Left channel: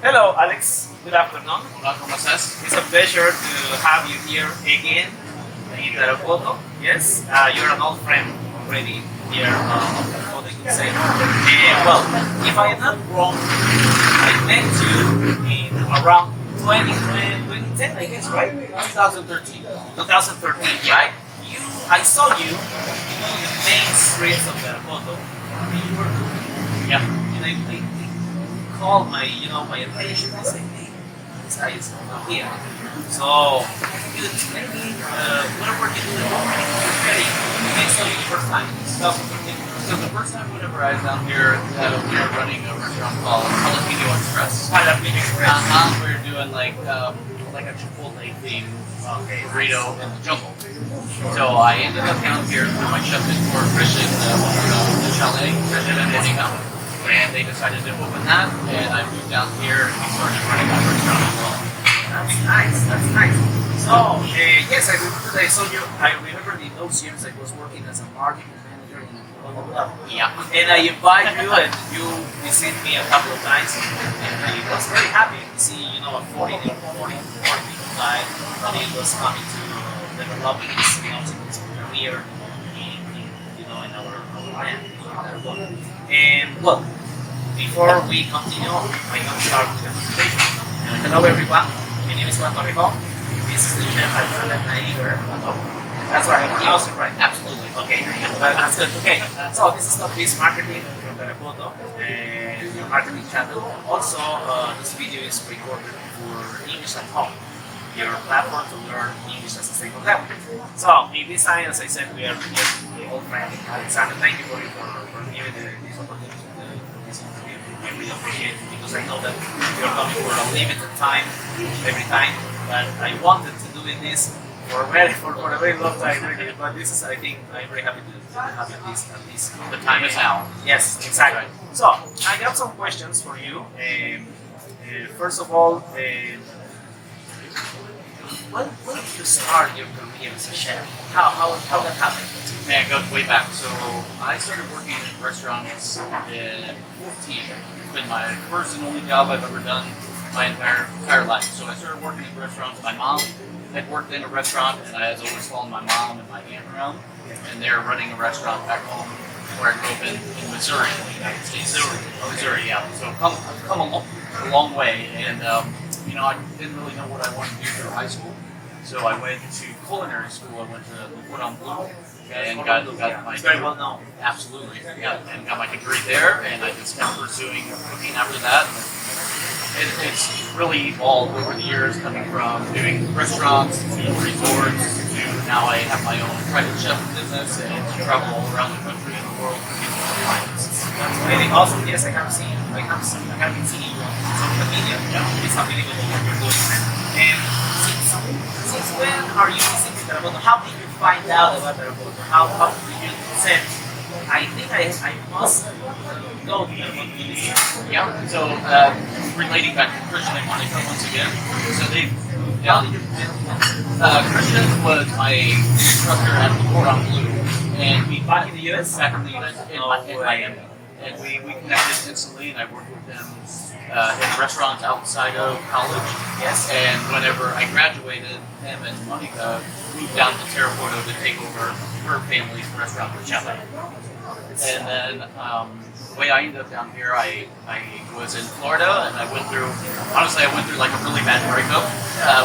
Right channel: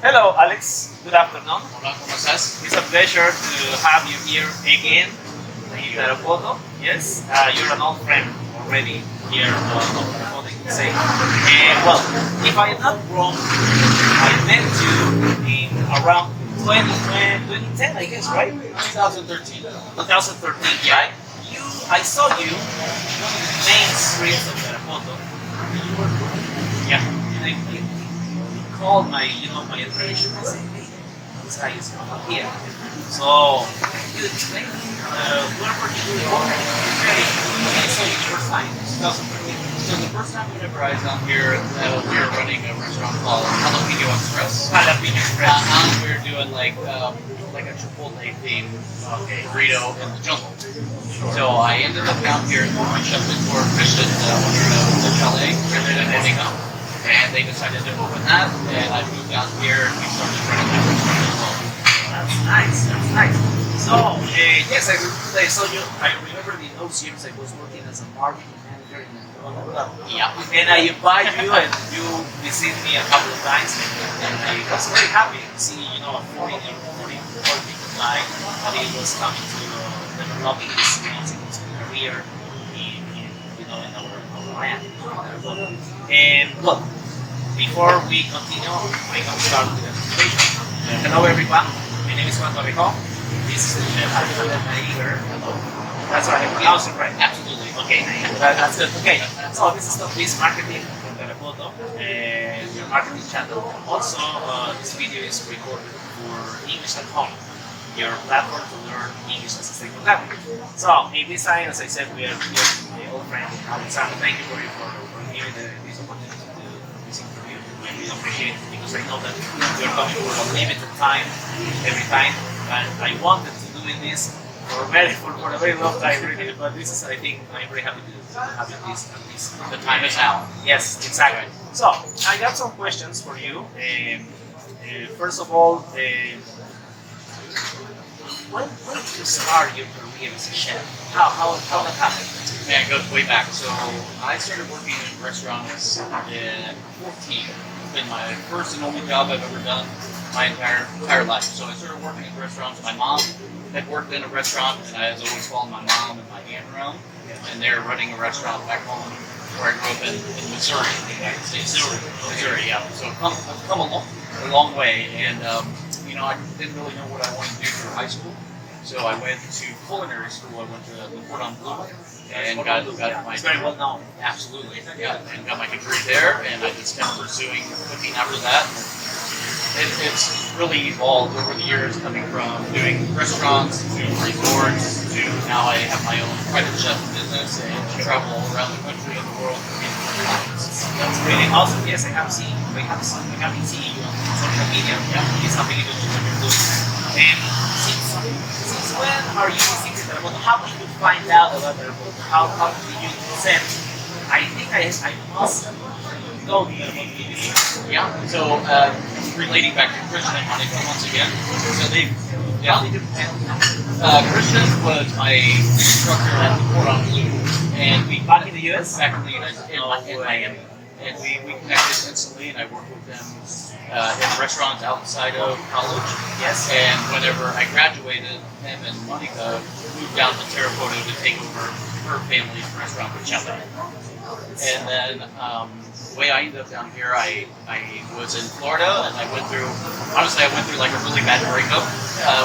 Hello, Alex. Good afternoon. Hola, ¿cómo estás? It's a pleasure to have you here again in Tarapoto. Yes, you're an old friend already here of Tarapoto, you can say. Well, if I am not wrong, I met you in around 2010, I guess, right? 2013. 2013, right? I saw you in one of the main streets of Tarapoto. You were cooking. Yeah. And I called my attention. I said, hey, this guy is from here. So, can you explain me where were you preparing? I saw you the first time, 2013. So the first time whenever I was down here, we were running a restaurant called Jalapeno Express. Jalapeno Express. We were doing like a Chipotle themed burrito in the jungle. So I ended up down here through my chef mentor Christian, owner of the chalet, Christian and Monica. And they decided to open that, and I moved down here and we started running that restaurant as well. That's nice. That's nice. So yes, I saw you. I remember in those years I was working as a marketing manager in Yeah. and I invited you, and you visited me a couple of times, and I was very happy to see a 40 guy that he was coming to developing his career in our land. And well, before we continue, I'm going to start with the presentation. Hello everyone, my name is Juan Torrejo. This is the chef Alexander Naeger. That's right, I pronounced it right. Absolutely. Okay, that's good. Okay, so this is not this marketing from Tarapoto and your marketing channel. Also, this video is recorded for English at Home, your platform to learn English as a second language. So, in this time, as I said, we are with my old friend Alexander. Thank you for giving this opportunity to this interview. I really appreciate it because I know that you're coming for a limited time every time, but I wanted to do this for a very long time, really. But this is, I think, I'm very happy to have this at least. The time is now. Yes, exactly. So, I got some questions for you. First of all, when did you start your career as a chef? How that happened? Man, it goes way back. So I started working in restaurants in 14. It's been my first and only job I've ever done my entire life. So I started working in restaurants. My mom had worked in a restaurant, and I was always following my mom and my aunt around. And they're running a restaurant back home where I grew up in Missouri, in the United States. Missouri, yeah. So I've come a long way, and I didn't really know what I wanted to do through high school. So I went to culinary school. I went to the Cordon Bleu and got my It's very well known. Absolutely, yeah, and got my degree there, and I just kept pursuing cooking after that. It's really evolved over the years, coming from doing restaurants to resorts to now I have my own private chef business and travel all around the country and the world cooking for clients. That's really awesome. Yes, I have seen you on social media. Yeah, it's unbelievable what you're doing. And since when are you visiting Tarapoto? How did you find out about Tarapoto? How did you say, I think I must go to Tarapoto? Yeah. So relating back to Christian and Monica once again. So they moved down. Christian was my instructor at the Cordon Bleu, and we Back in the US? back in the United States, in Miami. And we connected instantly, and I worked with them in restaurants outside of college. Yes. And whenever I graduated, him and Monica moved down to Tarapoto to take over her family's restaurant with Chalet. And then the way I ended up down here, I was in Florida, and I went through like a really bad breakup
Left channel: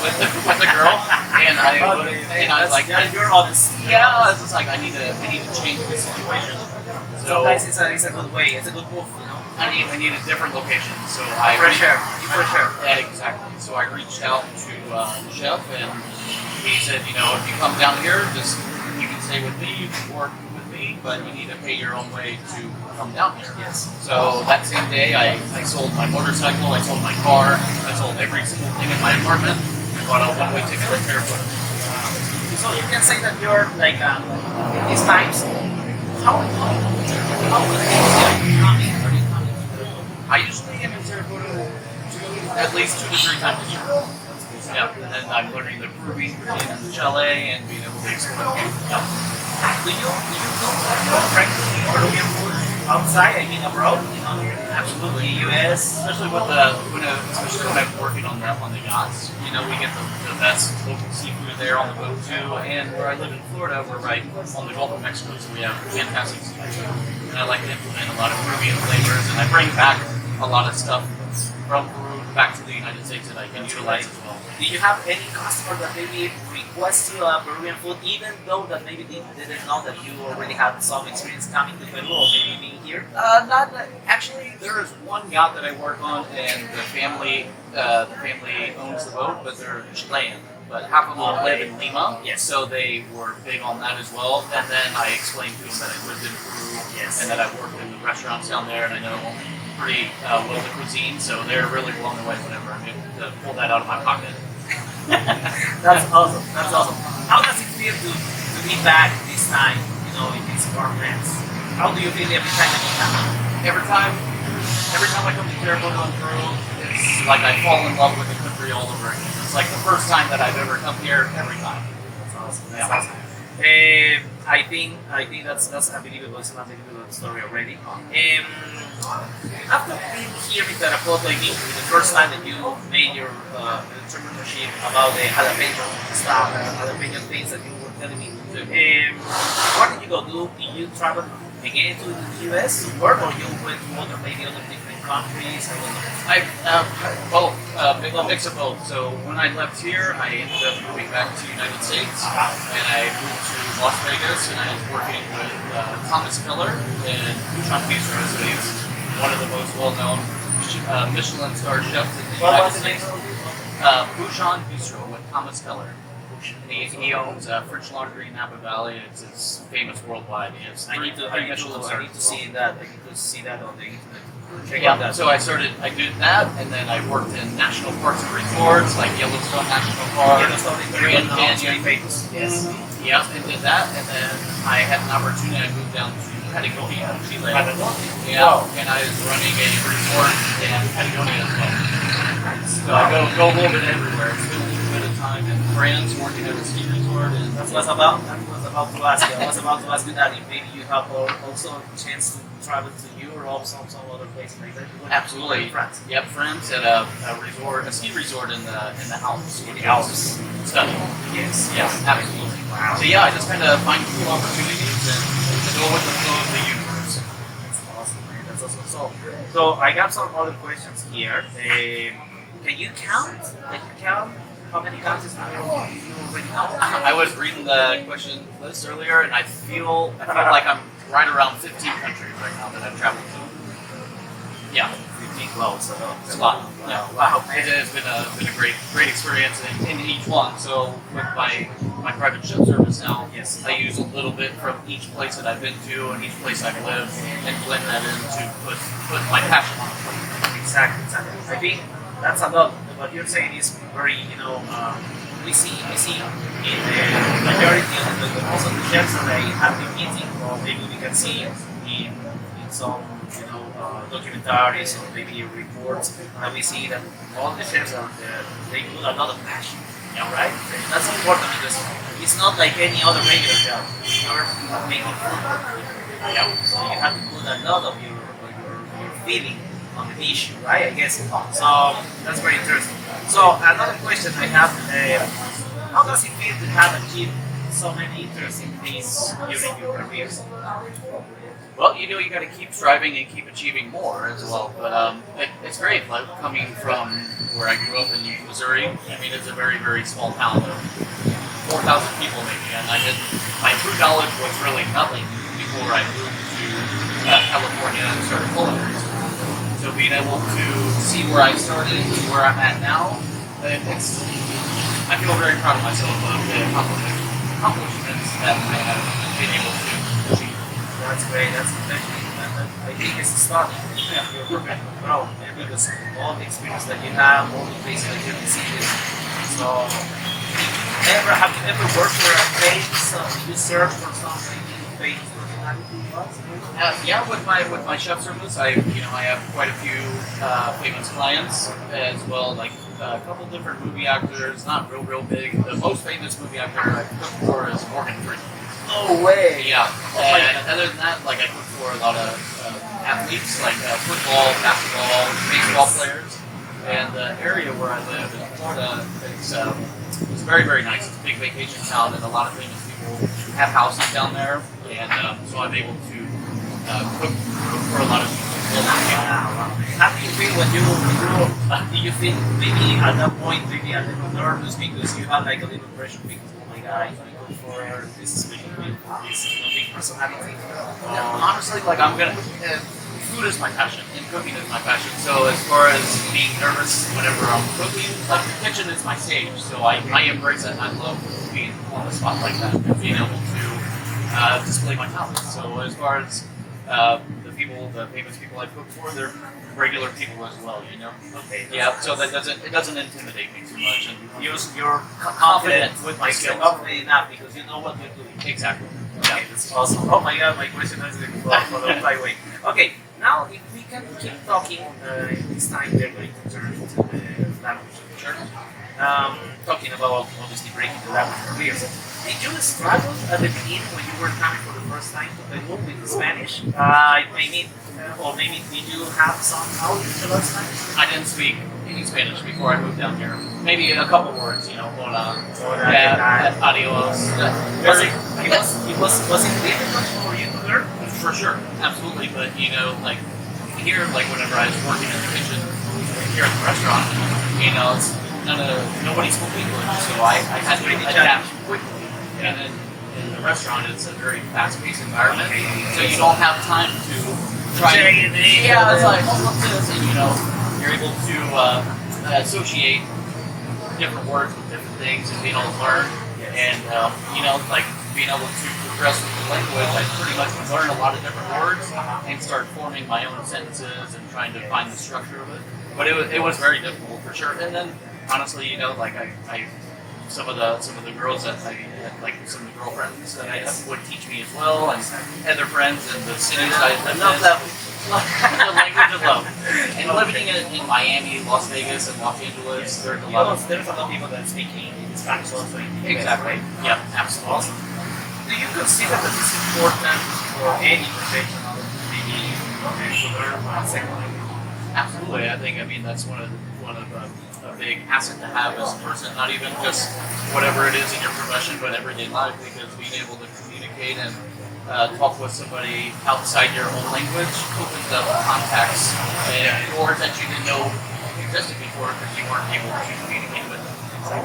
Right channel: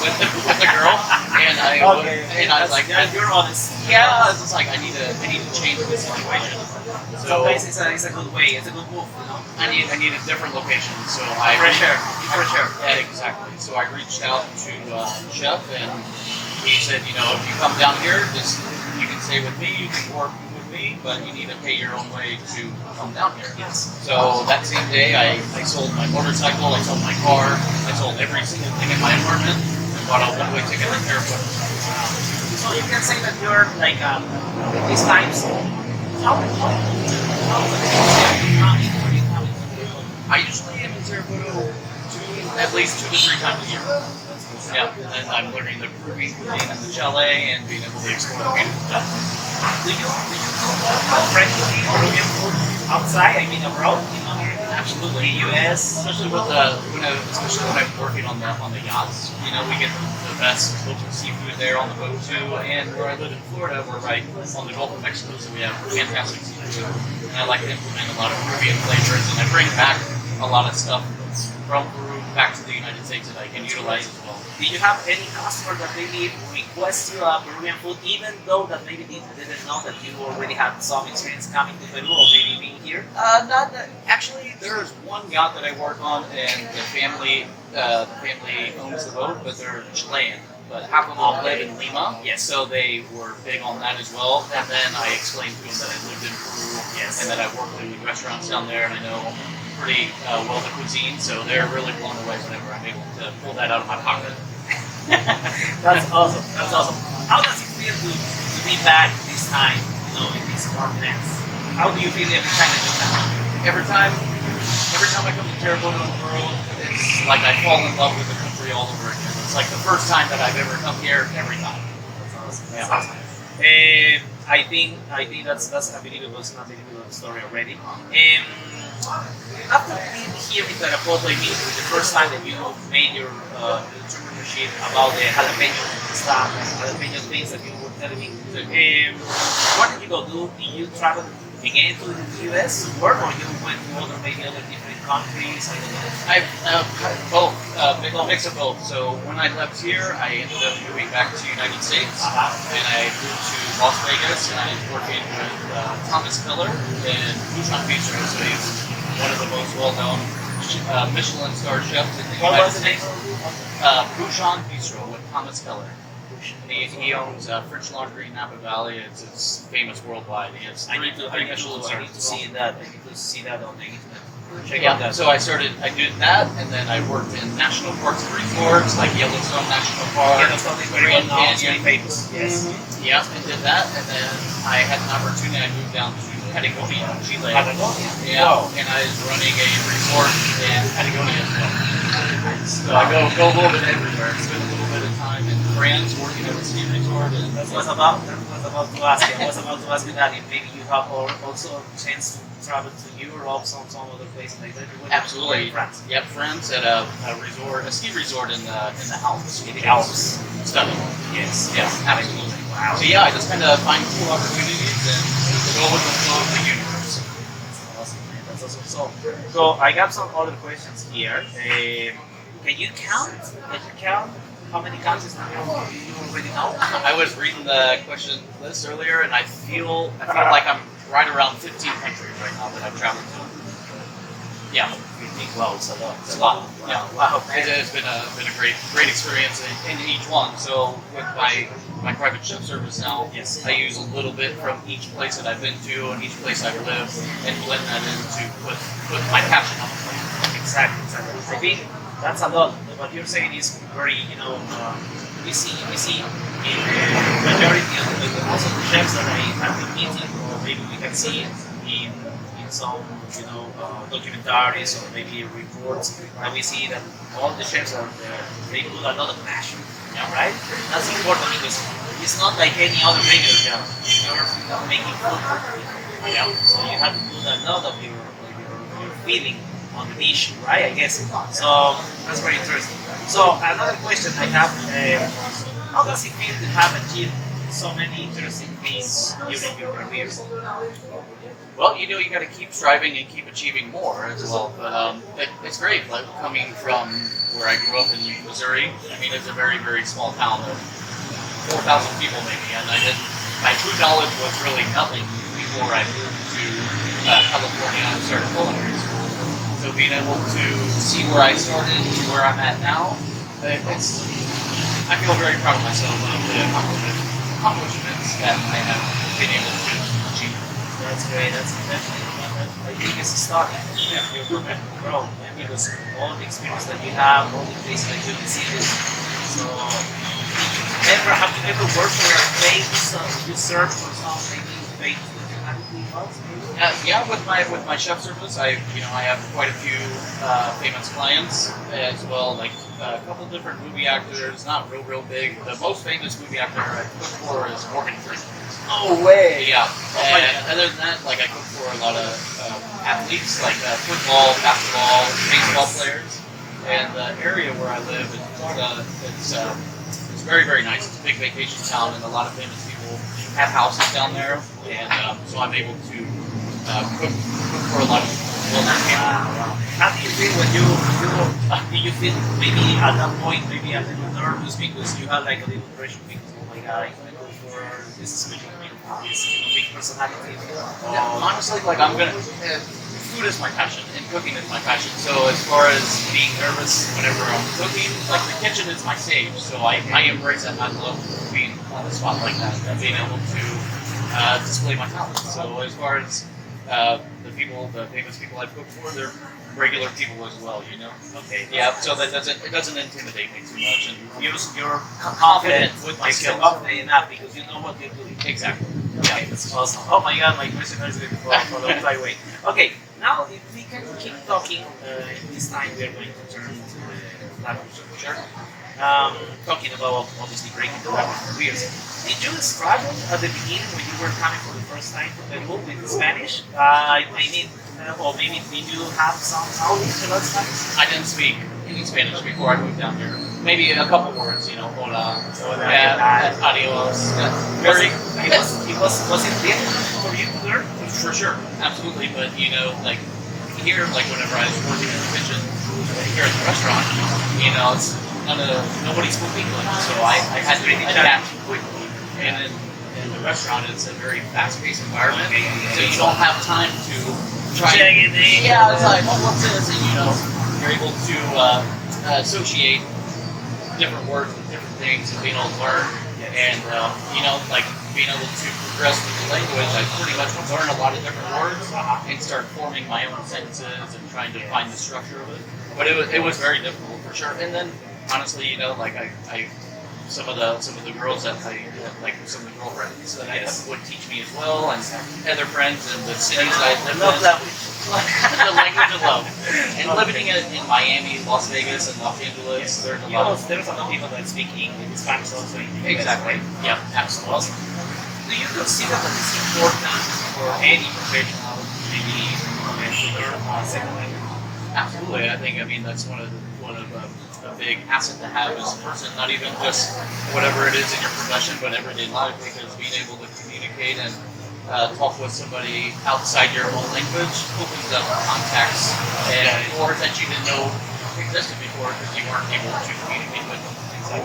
with the girl, and I was like, you're honest. yeah, I was just like, I need to change the situation. So Sometimes it's a good way. It's a good move, I need a different location. So Fresh air. Yeah, exactly. So I reached out to the chef, and he said, if you come down here, you can stay with me, you can work with me, but you need to pay your own way to come down here. Yes. So that same day, I sold my motorcycle, I sold my car, I sold every single thing in my apartment, and bought a one-way ticket to Tarapoto. So you can say that you're like these times. How I usually am in Tarapoto at least 2 to 3 times a year. Yeah, and then I'm learning the Peruvian cuisine in the chalet and being able to explore the beautiful stuff. do you cook frankly Peruvian food outside? I mean abroad? in the US. Especially especially when I'm working on the yachts. You know, we get the best local seafood there on the boat too. And where I live in Florida, we're right on the Gulf of Mexico, so we have fantastic seafood. And I like to implement a lot of Peruvian flavors, and I bring back a lot of stuff from Peru back to the United States that I can utilize as well. Do you have any customer that maybe request you Peruvian food, even though that maybe they didn't know that you already had some experience coming to Peru or maybe being here? Not actually. There is one yacht that I work on, and the family owns the boat, but they're Chilean. But half of them live in Lima, Yes. so they were big on that as well. And then I explained to them that I lived in Peru, Yes. and that I worked in restaurants down there, and I know pretty well the cuisine. So they're really blown away whenever I'm able to pull that out of my pocket. That's awesome. That's awesome. How does it feel to be back this time, in these farmlands? How do you feel every time that you come? Every time I come to Terrebonne in Peru, it's like I fall in love with the country all over again. It's like the first time that I've ever come here every time. That's awesome. That's Yeah. awesome. I think that's unbelievable. It's an unbelievable story already. After being here in Tarapoto, I mean, the first time that you made your entrepreneurship about the jalapeno stuff, jalapeno things that you were telling me. Where did you go? Did you travel again to the US to work, or you went to maybe other different countries? I don't know. I've both, a mix of both. So when I left here, I ended up moving back to the United States, and I moved to Las Vegas, and I was working with Thomas Keller in Bouchon Bistro. So he's one of the most well-known Michelin star chefs in the United States. Bouchon Bistro with Thomas Keller. And he owns French Laundry in Napa Valley. It's famous worldwide. He has three Michelin stars. I need to see that. I need to see that on the internet. Check out Yeah, that. so I did that, and then I worked in national parks and resorts, like Yellowstone National Park, Yellowstone is very Grand well known, Canyon. very famous. Yes. Yep, and did that, and then I had an opportunity. I moved down to Patagonia, Chile. Yeah, Wow. and I was running a resort in Patagonia as well. So I go a little bit everywhere. Spend a little bit of time in France, working at a ski resort, and That was about to ask you. I was about to ask you that if maybe you have also a chance to travel to Europe, some other places like that. You went absolutely. to France. Yep, France at a ski resort in the Alps. In the Alps. Stunning. Yes. Yeah, absolutely. Wow. So yeah, I just kind of find cool opportunities and go with the flow of the universe. That's awesome, man. That's awesome. So I got some other questions here. Can you count? How many countries now you already know? I was reading the question list earlier, and I feel like I'm right around 15 countries right now that I've traveled to. Yeah, Wow, it's a lot. it's a lot. Yeah, Wow, it man. has been a great experience in each one. So with my private chef service now, Yes. I use a little bit from each place that I've been to and each place I've lived, and blend that in to put my passion on the plate. Exactly. I think that's a lot. What you're saying is very, we see in the majority of most of the chefs that I have been meeting, or maybe we can see in some, documentaries or maybe reports, and we see that all the chefs they put a lot of passion, right? That's important because it's not like any other regular job. You're making food, so you have to put a lot of your feeling on the dish, right? I guess. So that's very interesting. So another question I have: how does it feel to have achieved so many interesting things during your careers? Well, you got to keep striving and keep achieving more as well. But it's great. Like coming from where I grew up in Missouri, I mean, it's a very, very small town of 4,000 people maybe, and my food knowledge was really nothing before I moved to California and started culinary school. So being able to see where I started to where I'm at now, I feel very proud of myself of the accomplishments that I have been able to achieve. That's great. That's I think it's a start. Your professional growth, because all the experience that you have, all the places that you visit. So, have you ever worked for a place? So you serve for something famous personality? Yeah, with my chef service, I have quite a few famous clients as well, like a couple different movie actors, not real big. The most famous movie actor I've cooked for is Morgan Freeman. No way. Yeah. Oh my And other than that, like I cook for a lot of athletes, like football, basketball, baseball players. And the area where I live in Florida, it's very, very nice. It's a big vacation town, and a lot of famous people have houses down there. And so I'm able to cook for a lot of well-known people. Wow. How do you feel when do you feel maybe at that point maybe a little nervous because you had like a little pressure because oh my god, I'm gonna go for this special meal for this big personality. Yeah, honestly, like I'm gonna. Food is my passion, and cooking is my passion. So as far as being nervous whenever I'm cooking, like the kitchen is my stage. So I embrace that, and I love being on the spot like that and being able to display my talents. So as far as the famous people I've cooked for, they're regular people as well, you know. Okay. Yeah. So that doesn't intimidate me too much, and You're confident with my like skills. confident enough because you know what you're doing. Exactly. Okay, that's awesome. Oh my god, my question is going to for the flyway. Okay, now if we can keep talking, this time we are going to turn to the language. Sure. Talking about obviously breaking the language barriers. Did you struggle at the beginning when you were coming for the first time to Peru with Spanish? Or maybe did you have some knowledge about Spanish? I didn't speak any Spanish before I moved down here. Maybe a couple words, you know, hola, Hola, yeah, adios. Was it difficult for you to learn? For sure, absolutely. But you know, like here, like whenever I was working in the kitchen here at the restaurant, you know, it's nobody spoke English, so I had to adapt quickly. And in the restaurant, it's a very fast-paced environment, so you don't have time to try. Yeah, it's like, oh, what's this? And you know, you're able to associate different words with different things and being able to learn. And you know, like being able to progress with the language, I pretty much would learn a lot of different words and start forming my own sentences and trying to find the structure of it. But it was very difficult for sure. And then honestly, you know, like I some of the girls that like some of the girlfriends that I had would teach me as well, and other friends in the cities that I lived in. The language of love. And living in Miami, Las Vegas, and Los Angeles, there's a lot of there's a lot of people that speak Spanish also in the US, exactly. right? Yeah, absolutely. Do you consider that it's important for any professional maybe to learn a second language? Absolutely. I mean that's one of a big asset to have as a person, not even just whatever it is in your profession, but everyday life, because being able to communicate and talk with somebody outside your own language opens up contacts and doors that you didn't know existed before because you weren't able to communicate with them.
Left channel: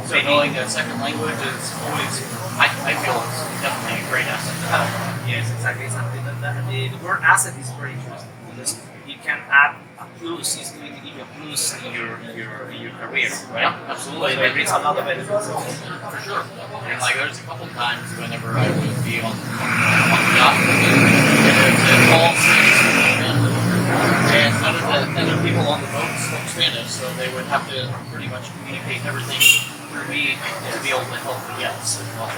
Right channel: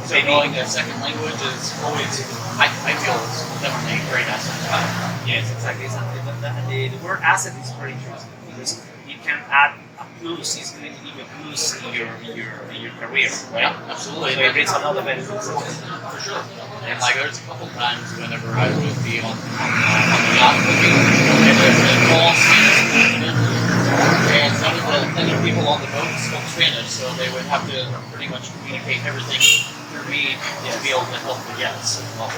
So knowing a second language is always, I feel it's definitely a great asset to have. Yes, exactly. The word asset is very interesting because it can add a plus. It's going to give you a plus in your career, right? Yeah, absolutely. So it brings another benefit. For sure. And like there's a couple times whenever I would be on the yacht cooking, and it's all Spanish, and none of the other people on the boat spoke Spanish, so they would have to pretty much communicate everything through me to be able to help the guests as well.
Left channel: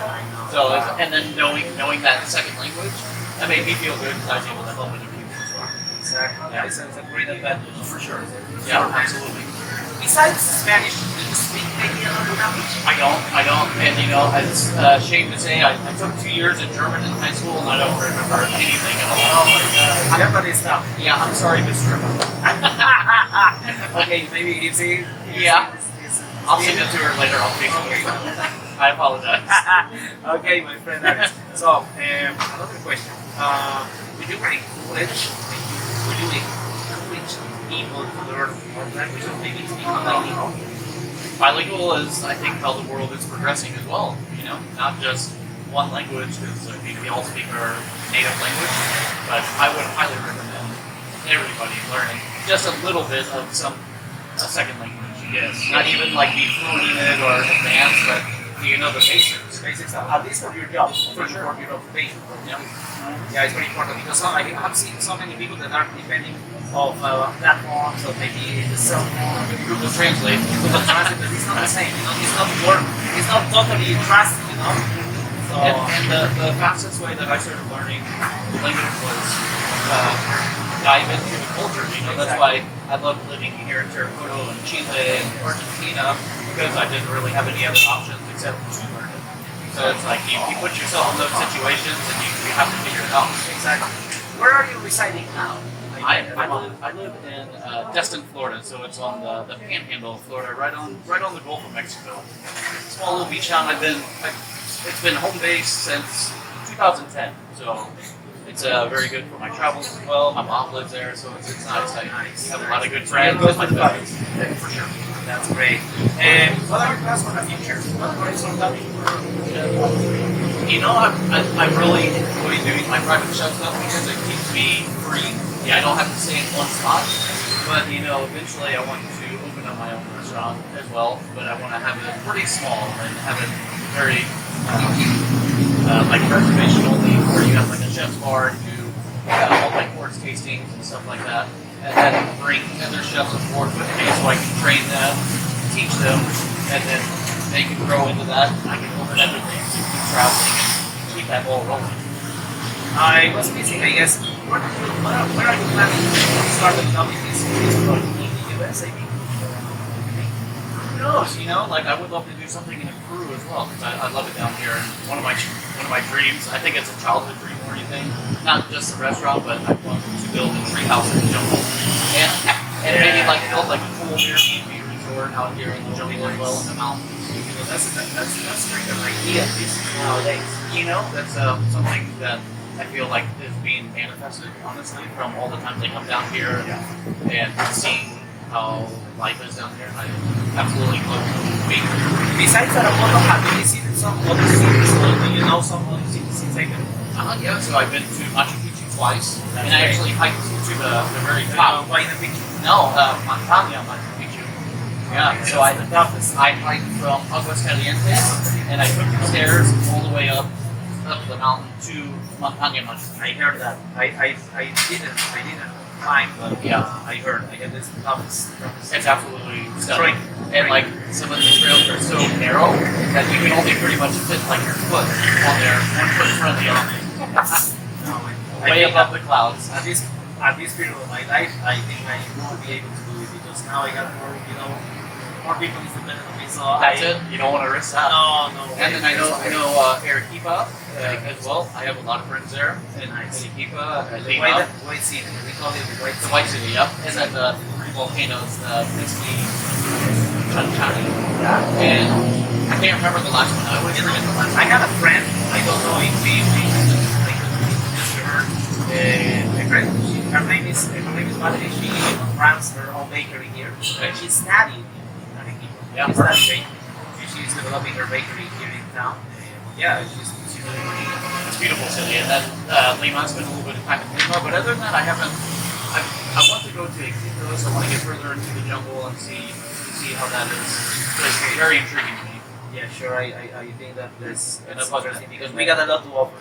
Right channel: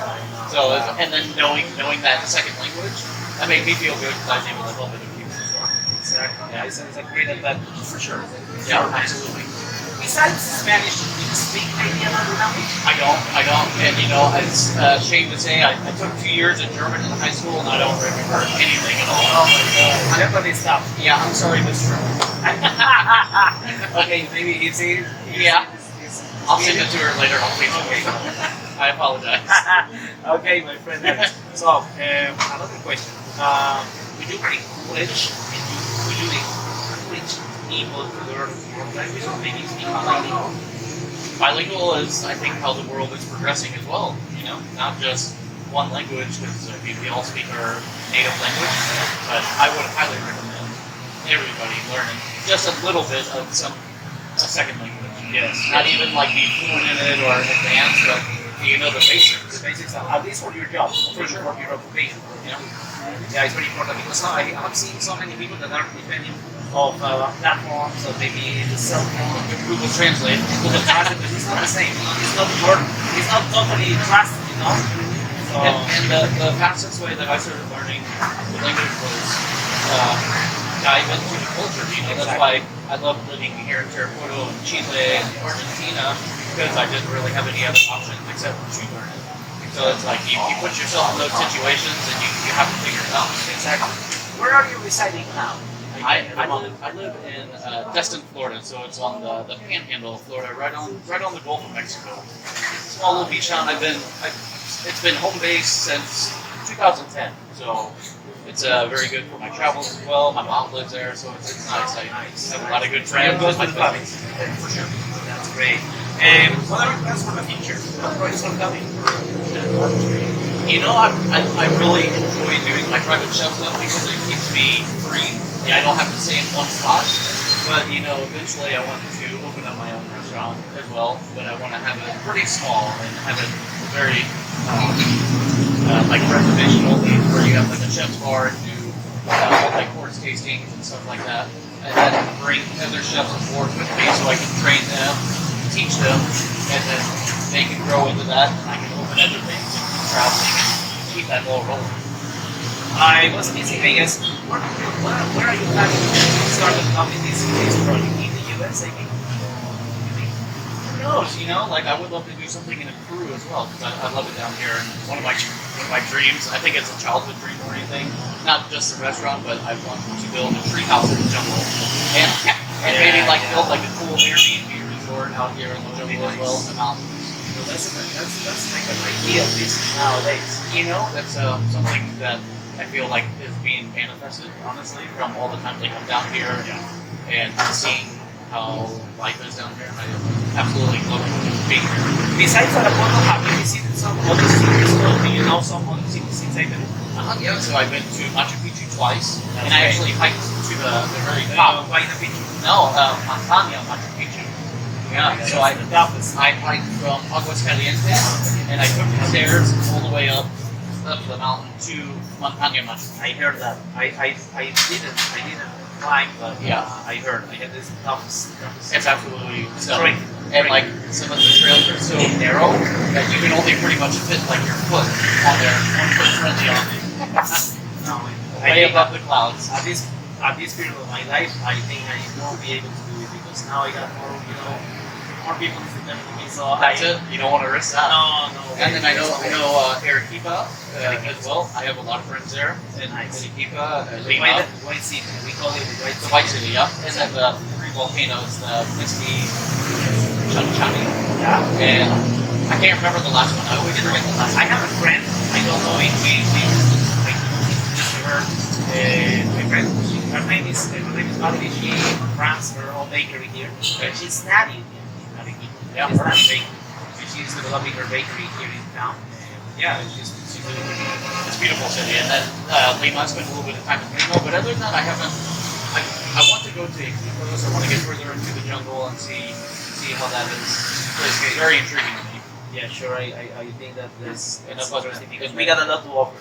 So and then knowing that second language, that made me feel good because I was able to help other people as well. Exactly. Yeah, it's a great advantage for sure. Yeah, absolutely. Besides Spanish, do you speak any other language? I don't, and you know, it's a shame to say, I took 2 years of German in high school, and I don't remember anything at all. Oh my god, German is tough. Yeah, I'm sorry, Mr. Okay, maybe it's a... Yeah. I'll send it to her later on Facebook. I apologize. Okay, my friend. So, another question. Would you encourage people to learn more languages, maybe speak bilingual? Bilingual is, I think, how the world is progressing as well. You know, not just one language, because I think we all speak our native language, but I would highly recommend everybody learning just a little bit of a second language. Yes. Not even like be fluent in it or advanced, but you know the basics. The basics, at least for your job, For sure. for your occupation. You know? Yeah, it's very important because I have seen so many people that are depending of platforms or maybe the cell phone, Google Translate. Google Translate, but it's not the same. You know, it's not work. It's not totally trusted. You know. So, And the fastest way that I started learning the language was dive into the culture. You know, that's why I love living here in Terrapoto and Chile and Argentina, because I didn't really have any other options except to learn it. So it's like you put yourself in those situations and you have to figure it out. Exactly. Where are you residing now? I live in Destin, Florida, so it's on the Panhandle of Florida, right on the Gulf of Mexico. Small little beach town. It's been home base since 2010, so it's very good for my travels as well. My mom lives there, so it's nice. I have a lot of good friends. Good with buddies, for sure. That's great. And what are your plans for the future? What are you coming? You know, I really enjoy doing my private chef stuff because it keeps me free. Yeah, I don't have to stay in one spot. But you know, eventually I want to open up my own restaurant as well. But I want to have it pretty small and have it very like reservation only, where you have like a chef's bar and do multi-course tastings and stuff like that. And then bring other chefs on board with me so I can train them, teach them, and then they can grow into that. And I can open other things and keep traveling and keep that ball rolling. I was missing, I guess. Where are you planning to start developing this project? In the US, I think? Who knows? You know, like I would love to do something in Peru as well because I love it down here. And one of my dreams, I think it's a childhood dream or anything, not just a restaurant, but I want to build a tree house in the jungle and maybe like build like a cool Airbnb resort out here in the jungle as well in the mountains. So that's like an idea of this nowadays. You know, that's something that I feel like is being manifested, honestly, from all the times I come down here and seeing how life is down here. I absolutely love being here. Besides Arapoto, have you visited some other cities? Or do you know some other cities inside the Yeah, so I've been to Machu Picchu twice, and I actually hiked to the very top. Huayna Picchu? No, Montaña Machu Picchu. Yeah, so I hiked from Aguascalientes, and I took the stairs all the way up the mountain to Montaña Machu Picchu. I heard that. I didn't climb, but Yeah. I heard. I had this toughest. It's absolutely stunning. And like some of the trails are so narrow that you can only pretty much fit like your foot on there, 1 foot in front of the other. No, Way above the clouds. At this period of my life, I think I will be able to do it because now I got more, more people is dependent on me. So That's it. You don't want to risk that. No. And then I know Arequipa as well. I have a lot of friends there in Arequipa, Lima. White City. We call it the White The City. White City, yeah. And then the three volcanoes, the Misty, Chanchani, and I can't remember the last one. I always forget the last one. I have a friend. I don't know if we her. My friend. Her name is Valerie. She runs her own bakery here. She's studying in Arequipa. Yeah, she's not baking. She's developing her bakery here in town. Yeah, she's really working. It's a beautiful city. And then Lima, I spent a little bit of time in Lima, but other than that, I haven't. I want to go to Iquitos. I want to get further into the jungle and see how that is. It's very intriguing to me. Yeah, sure. I think that that's interesting because and we got a lot to offer.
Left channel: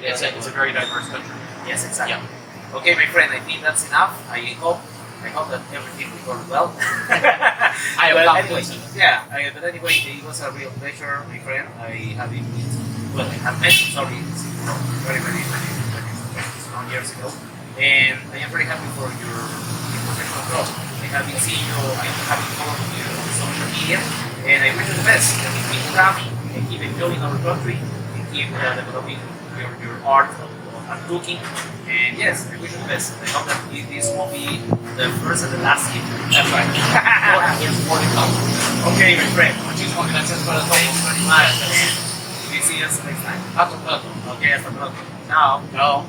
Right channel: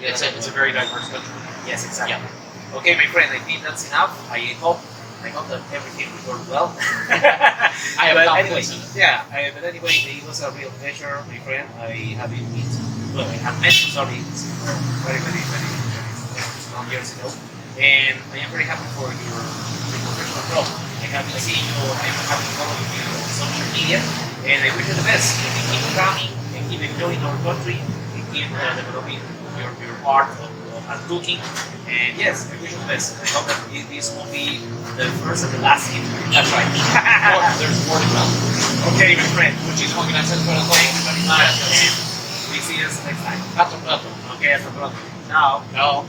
It's a very diverse country. Yes, exactly. Yeah. Okay, my friend, I think that's enough. I hope that everything recorded well. I have confidence in it. Yeah, but anyway, it was a real pleasure, my friend. I have met you, sorry, very long years ago. And I am very happy for your professional growth. I have been seeing you, I have been following you on social media, and I wish you the best. And keep coming, and keep enjoying our country, and keep developing your art of cooking. And yes, I wish you the best. I hope that this won't be the first and the last interview. That's right. There's more to come. Okay, my friend. Muchísimas gracias para todo. Thank you very much. And we see you next time. Hasta pronto. Okay, hasta pronto. Now. Chao.